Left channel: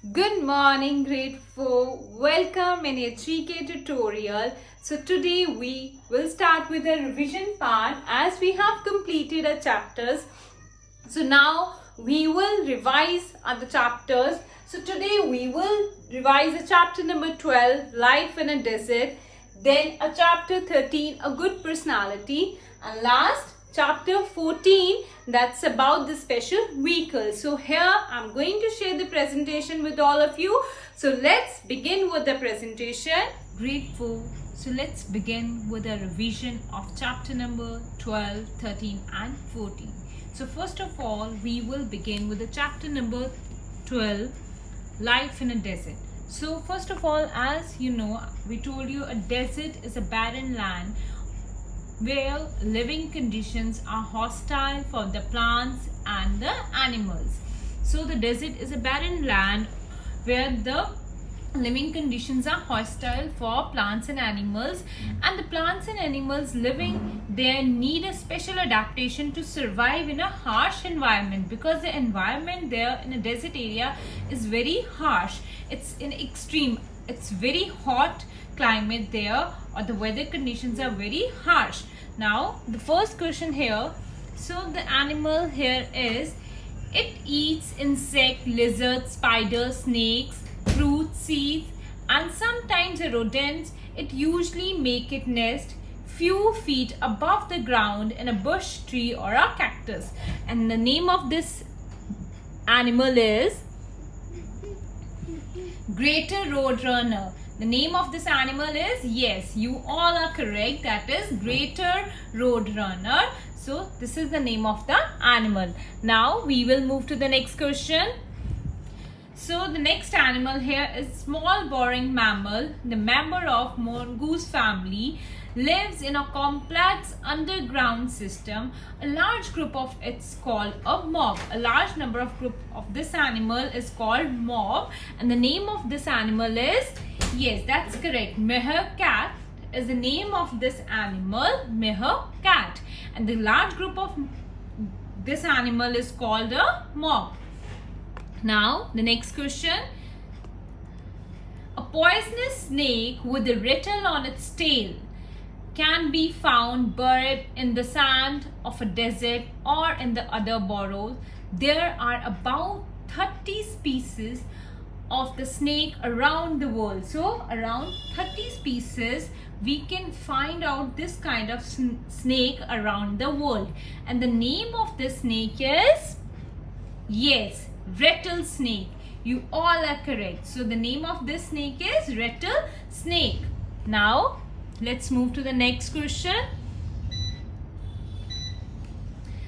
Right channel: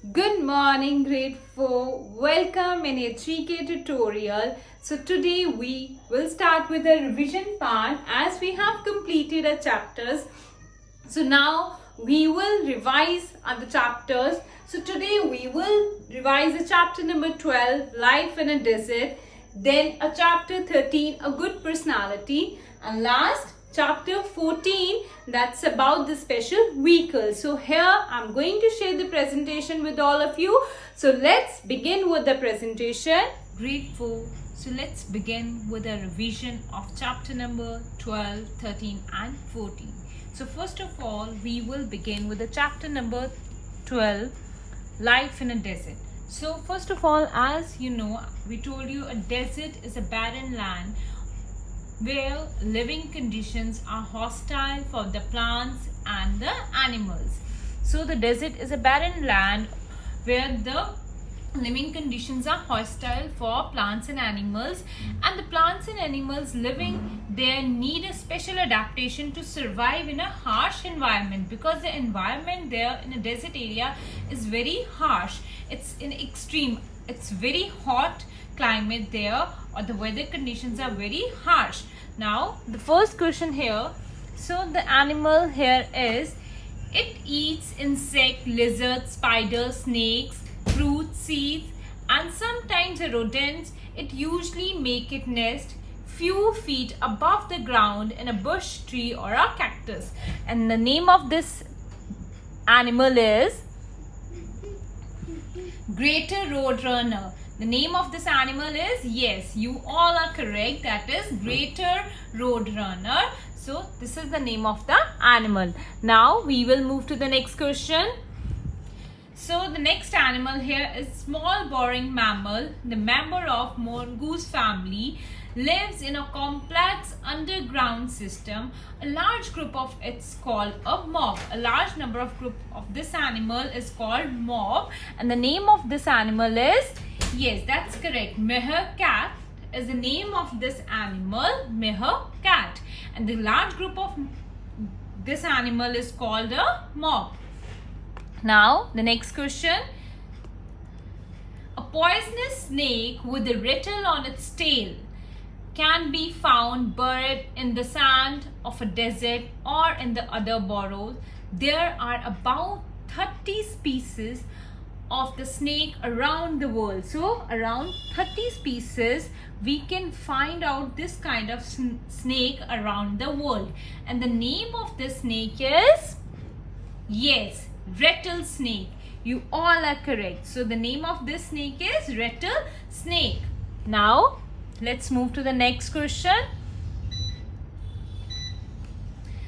Good morning, grade 4. Welcome in a G.K tutorial. So today we will start with the revision part as we have completed our chapters. So now we will revise other chapters. So today we will revise the chapter number 12, Life in a Desert. Then a chapter 13, A Good Personality. And last, chapter 14, that's about the special vehicle. So here I'm going to share the presentation with all of you. So let's begin with the presentation. Grade 4. So let's begin with a revision of chapter number 12, 13 and 14. So first of all, we will begin with the chapter number 12, Life in a Desert. So first of all, as you know, we told you a desert is a barren land where living conditions are hostile for the plants and the animals. So the desert is a barren land where the living conditions are hostile for plants and animals, and the plants and animals living there need a special adaptation to survive in a harsh environment, because the environment there in a desert area is very harsh. It's in extreme, it's very hot climate there, or the weather conditions are very harsh. Now the first question here, so the animal here is, it eats insect, lizards, spiders, snakes, fruits, seeds and sometimes rodents. It usually make its nest few feet above the ground in a bush, tree or a cactus. And the name of this animal is greater roadrunner. The name of this animal is, yes, you all are correct, that is greater roadrunner. So this is the name of the animal. Now we will move to the next question. So the next animal here is small boring mammal. The member of mongoose family lives in a complex underground system. A large group of it's called a mob. A large number of group of this animal is called mob, and the name of this animal is, yes, that's correct, meerkat is the name of this animal, meerkat, and the large group of this animal is called a mob. Now the next question, a poisonous snake with a rattle on its tail can be found buried in the sand of a desert or in the other burrows. There are about 30 species of the snake around the world. So around 30 species we can find out this kind of snake around the world, and the name of this snake is, yes, rattlesnake. You all are correct. So the name of this snake is rattlesnake. Now let's move to the next question.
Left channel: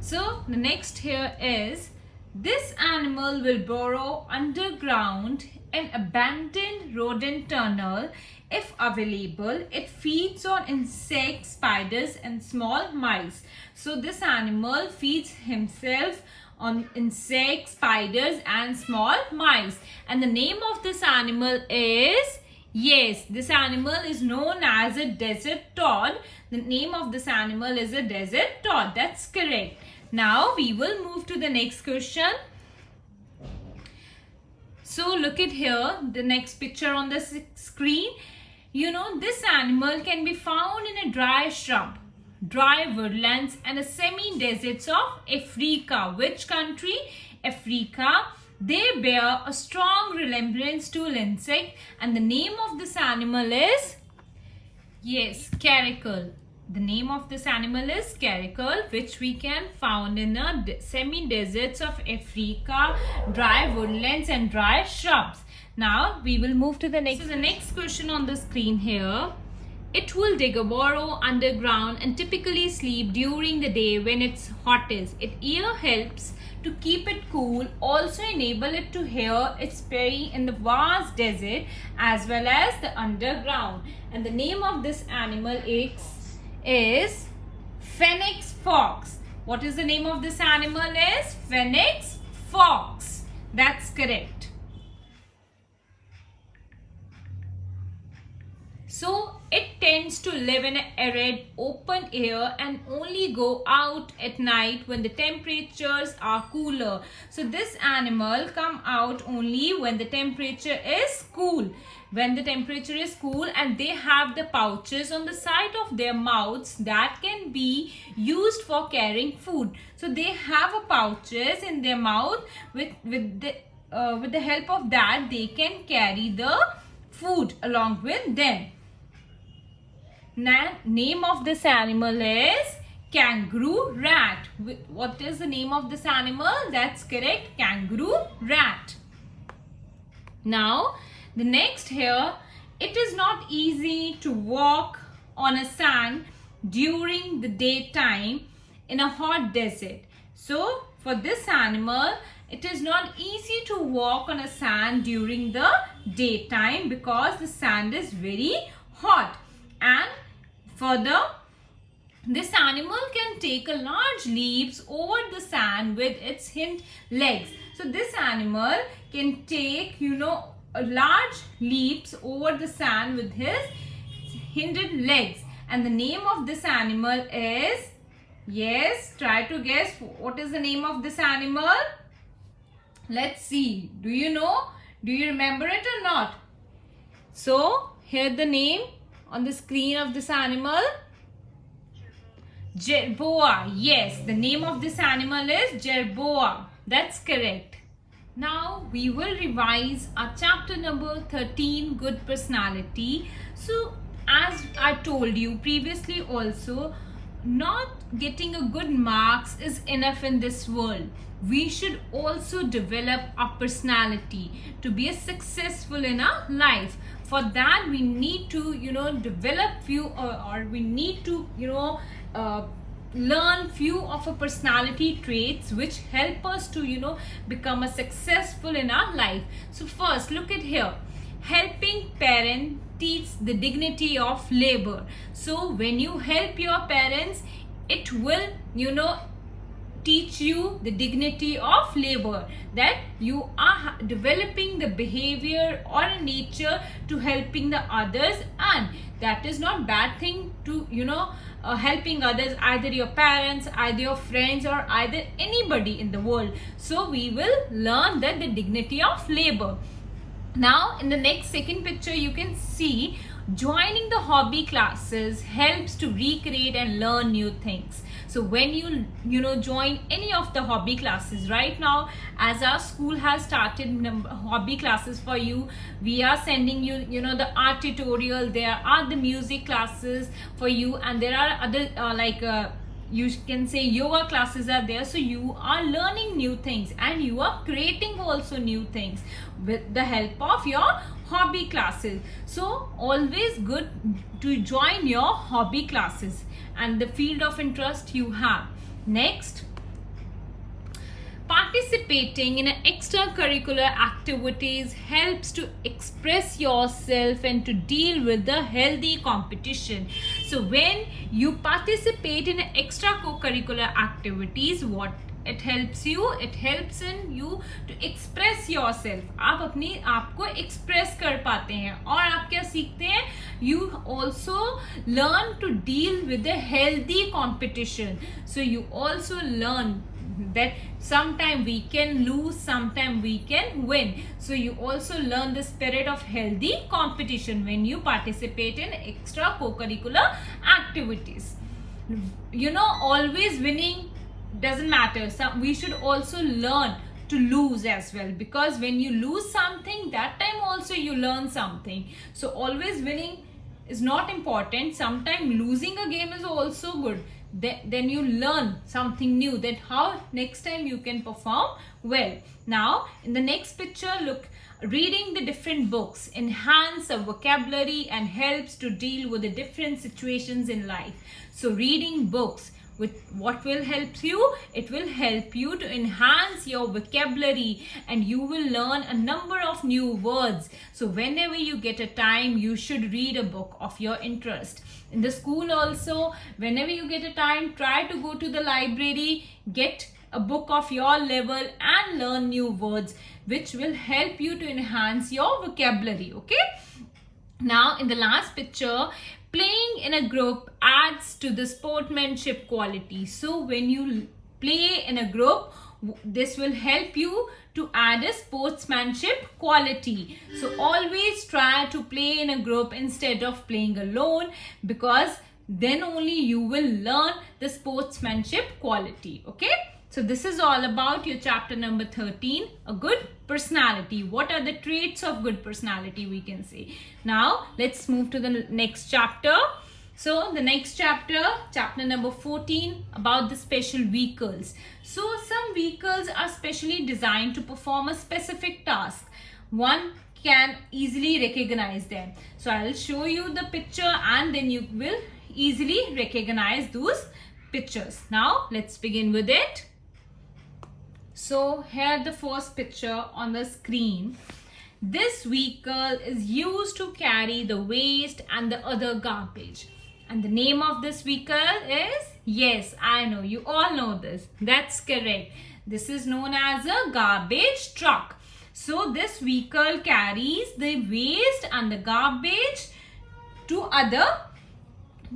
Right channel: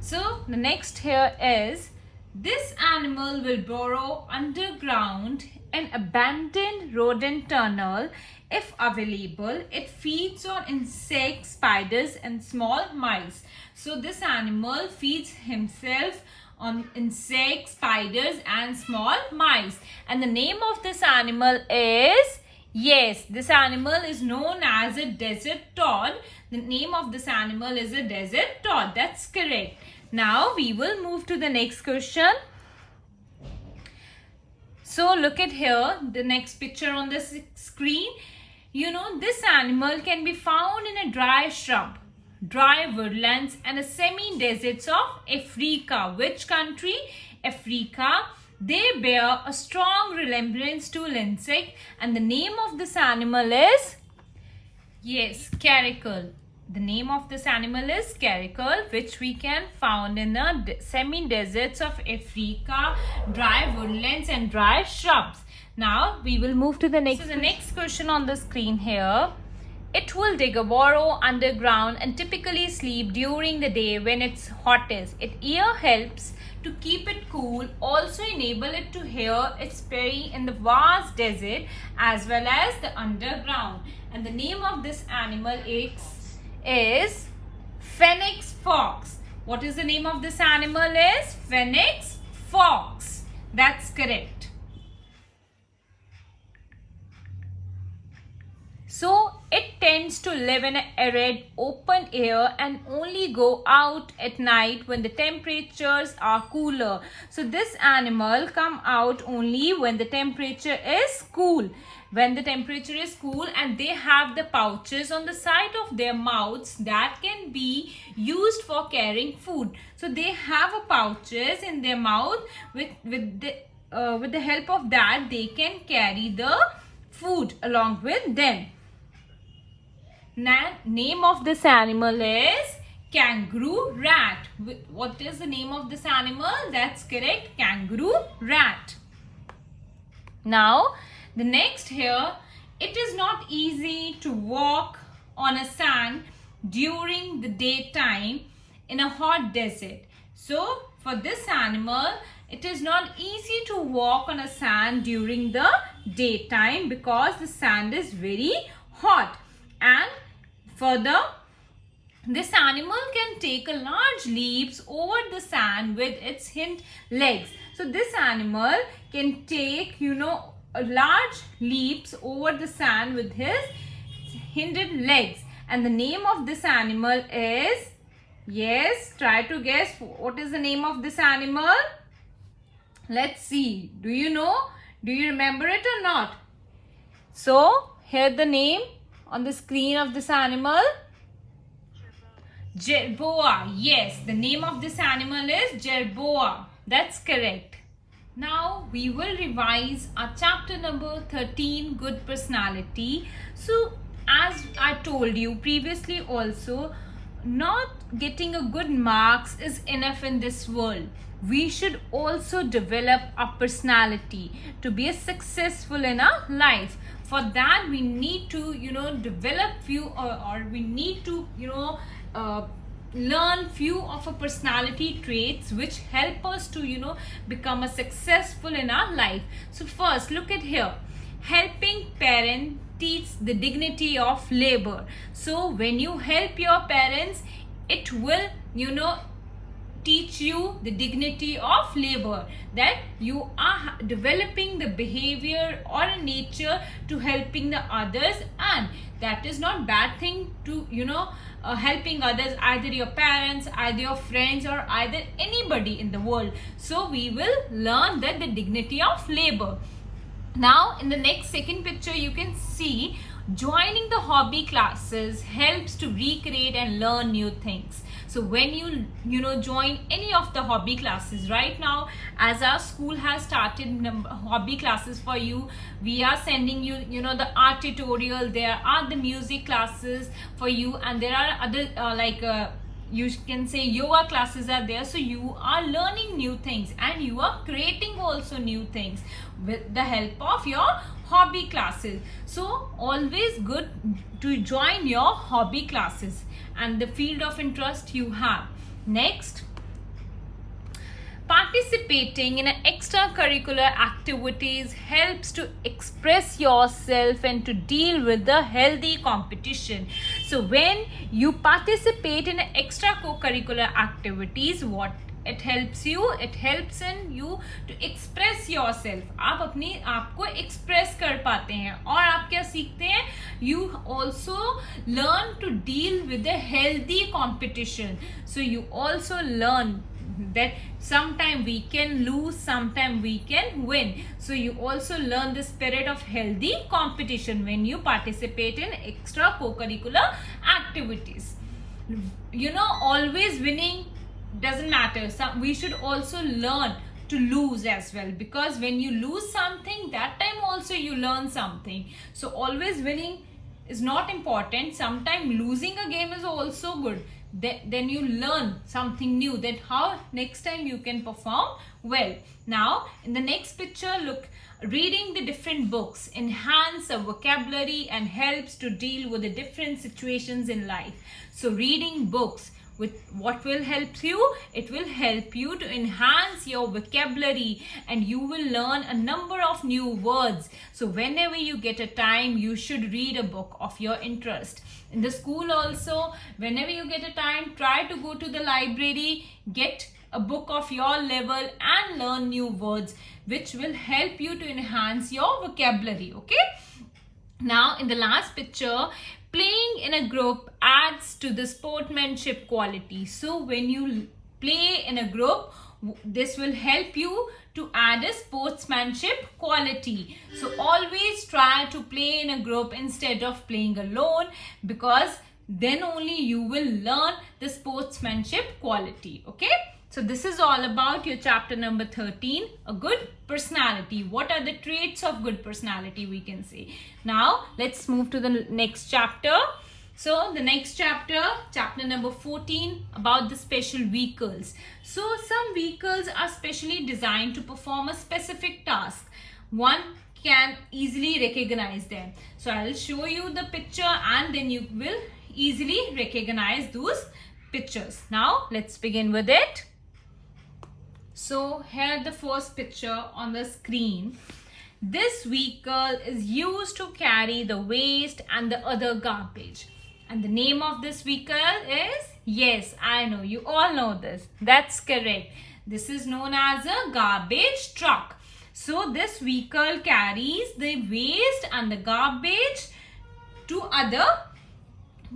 So the next here is, this animal will burrow underground in abandoned rodent tunnel if available. It feeds on insects, spiders and small mice. So this animal feeds himself on insects, spiders and small mice, and the name of this animal is, yes, this animal is known as a desert toad. The name of this animal is a desert toad. That's correct. Now we will move to the next question. So look at here, the next picture on the screen. You know, this animal can be found in a dry shrub, dry woodlands and a semi-deserts of Africa. Which country? Africa. They bear a strong resemblance to insect, and the name of this animal is, yes, caracal. The name of this animal is caracal, which we can found in the semi-deserts of Africa, dry woodlands and dry shrubs. Now we will move to the next. So the next question on the screen here, it will dig a burrow underground and typically sleep during the day when it's hottest. Its ear helps to keep it cool, also enable it to hear its prey in the vast desert as well as the underground. And the name of this animal is phoenix fox. What is the name of this animal is? Phoenix fox. That's correct. So it tends tends to live in an arid open air and only go out at night when the temperatures are cooler. So this animal come out only when the temperature is cool. When the temperature is cool, and they have the pouches on the side of their mouths that can be used for carrying food. So they have a pouches in their mouth with the help of that they can carry the food along with them. Now, name of this animal is kangaroo rat. What is the name of this animal? That's correct, kangaroo rat. Now, the next here, it is not easy to walk on a sand during the daytime in a hot desert. So, for this animal, it is not easy to walk on a sand during the daytime because the sand is very hot. And further, this animal can take a large leaps over the sand with its hind legs. So this animal can take, a large leaps over the sand with his hind legs. And the name of this animal is, yes, try to guess what is the name of this animal. Let's see. Do you know? Do you remember it or not? So, here the name on the screen of this animal. Jerboa. Yes, the name of this animal is Jerboa. That's correct. Now, we will revise our chapter number 13, Good Personality. So, as I told you previously also, not getting a good marks is enough in this world. We should also develop our personality to be successful in our life. For that, we need to, develop few or we need to, learn few of our personality traits which help us to, become a successful in our life. So first, look at here. Helping parent teach the dignity of labor. So when you help your parents, it will, teach you the dignity of labor, that you are developing the behavior or a nature to helping the others, and that is not bad thing to helping others, either your parents, either your friends, or either anybody in the world. So we will learn that the dignity of labor. Now in the next second picture you can see joining the hobby classes helps to recreate and learn new things. So when you join any of the hobby classes, right now as our school has started hobby classes for you, we are sending you the art tutorial, there are the music classes for you, and there are other you can say yoga classes are there. So you are learning new things and you are creating also new things with the help of your hobby classes. So always good to join your hobby classes and the field of interest you have. Next, participating in extracurricular activities helps to express yourself and to deal with the healthy competition. So when you participate in extracurricular activities, what it helps in you to express yourself. आप अपनी आप को express कर पाते हैं और आप क्या सीखते हैं? You also learn to deal with the healthy competition. So you also learn that sometime we can lose, sometime we can win. So you also learn the spirit of healthy competition when you participate in extracurricular activities. Always winning doesn't matter. We should also learn to lose as well, because when you lose something, that time also you learn something. So always winning is not important. Sometimes losing a game is also good. Then you learn something new, that how next time you can perform well. Now in the next picture, look, reading the different books enhance a vocabulary and helps to deal with the different situations in life. So reading books, with what will help you? It will help you to enhance your vocabulary and you will learn a number of new words. So whenever you get a time, you should read a book of your interest. In the school also, whenever you get a time, try to go to the library, get a book of your level and learn new words, which will help you to enhance your vocabulary. Okay. Now in the last picture, Playing in a group adds to the sportsmanship quality. So when you play in a group, this will help you to add a sportsmanship quality. So always try to play in a group instead of playing alone, because then only you will learn the sportsmanship quality. Okay, so this is all about your chapter number 13, a good personality. What are the traits of good personality, we can say. Now let's move to the next chapter. So the next chapter, chapter number 14, about the special vehicles. So some vehicles are specially designed to perform a specific task. One can easily recognize them. So I'll show you the picture and then you will easily recognize those pictures. Now let's begin with it. So here the first picture on the screen. This vehicle is used to carry the waste and the other garbage. And the name of this vehicle is, yes, I know, you all know this. That's correct. This is known as a garbage truck. So this vehicle carries the waste and the garbage to other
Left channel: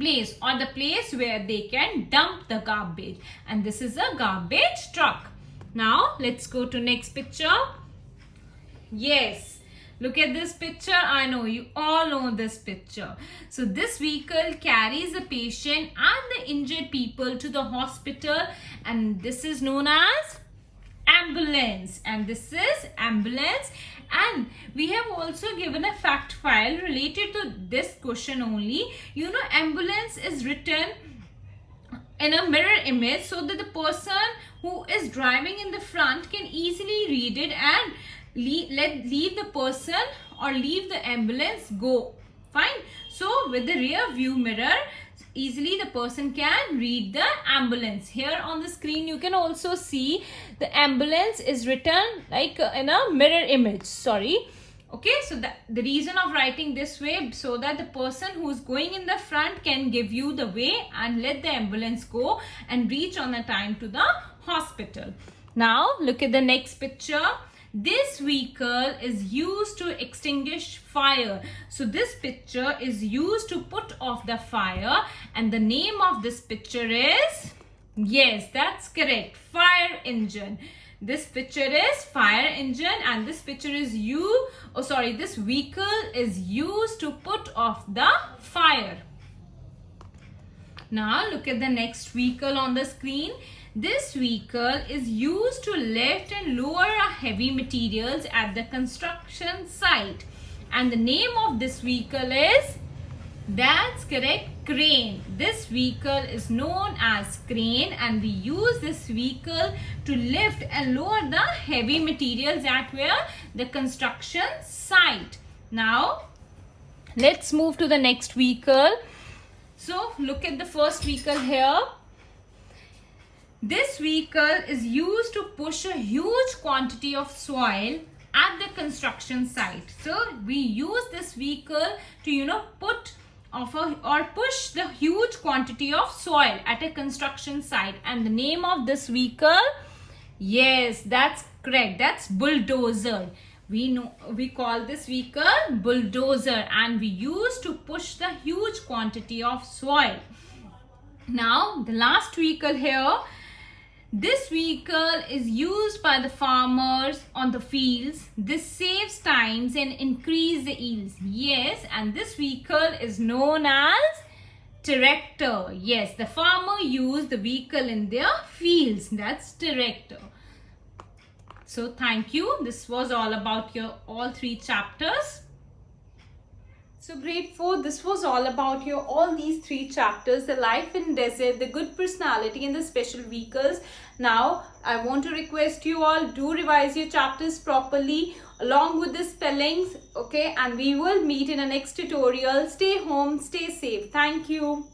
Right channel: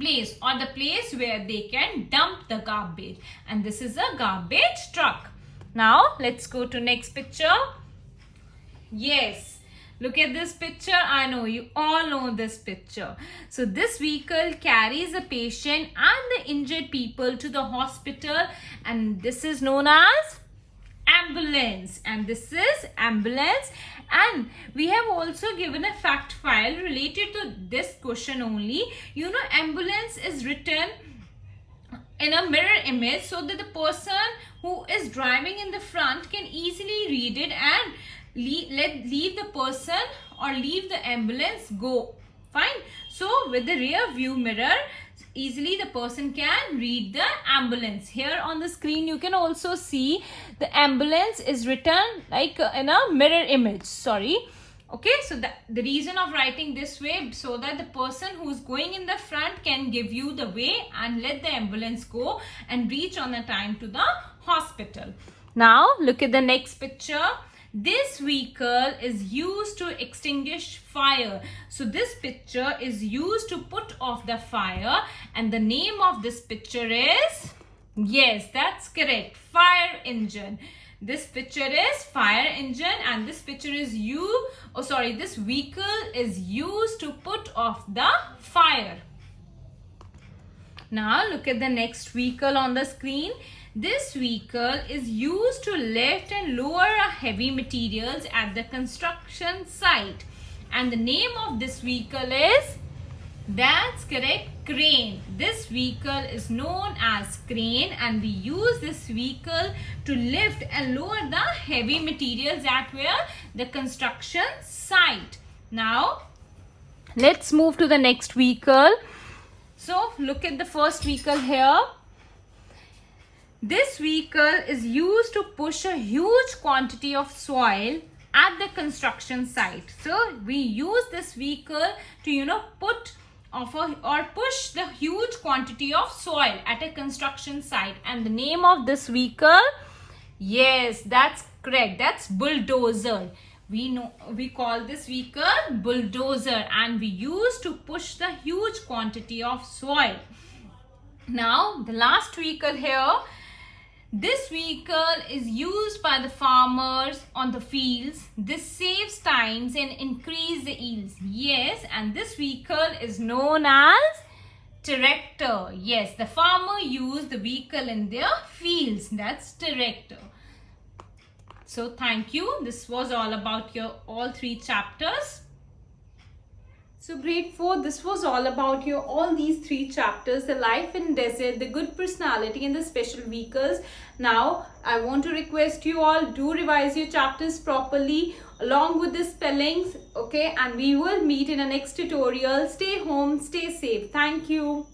place, or the place where they can dump the garbage. And this is a garbage truck. Now let's go to next picture. Yes. Look at this picture. I know you all know this picture. So this vehicle carries a patient and the injured people to the hospital, and this is known as ambulance. And this is ambulance. And we have also given a fact file related to this question only. You know, ambulance is written in a mirror image so that the person who is driving in the front can easily read it and leave the person or leave the ambulance go. Fine. So with the rear view mirror, easily the person can read the ambulance. Here on the screen you can also see the ambulance is written like in a mirror image. Sorry. Okay, so the reason of writing this way, so that the person who's going in the front can give you the way and let the ambulance go and reach on a time to the hospital. Now look at the next picture. This vehicle is used to extinguish fire. So this picture is used to put off the fire, and the name of this picture is, yes, that's correct, fire engine. This picture is fire engine, and this picture is this vehicle is used to put off the fire. Now look at the next vehicle on the screen. This vehicle is used to lift and lower heavy materials at the construction site. And the name of this vehicle is, that's correct, crane. This vehicle is known as crane, and we use this vehicle to lift and lower the heavy materials at where? The construction site. Now let's move to the next vehicle. So look at the first vehicle here. This vehicle is used to push a huge quantity of soil at the construction site. So we use this vehicle to put off or push the huge quantity of soil at a construction site. And the name of this vehicle, yes, that's correct, that's bulldozer. We call this vehicle bulldozer, and we use to push the huge quantity of soil. Now the last vehicle here. This vehicle is used by the farmers on the fields. This saves times and increase the yields. Yes, and this vehicle is known as tractor. Yes, the farmer use the vehicle in their fields. That's tractor. So thank you. This was all about your all three chapters. So grade 4, this was all about your all these 3 chapters, the life in desert, the good personality and the special vehicles. Now I want to request you all, do revise your chapters properly along with the spellings, okay, and we will meet in a next tutorial. Stay home, stay safe. Thank you.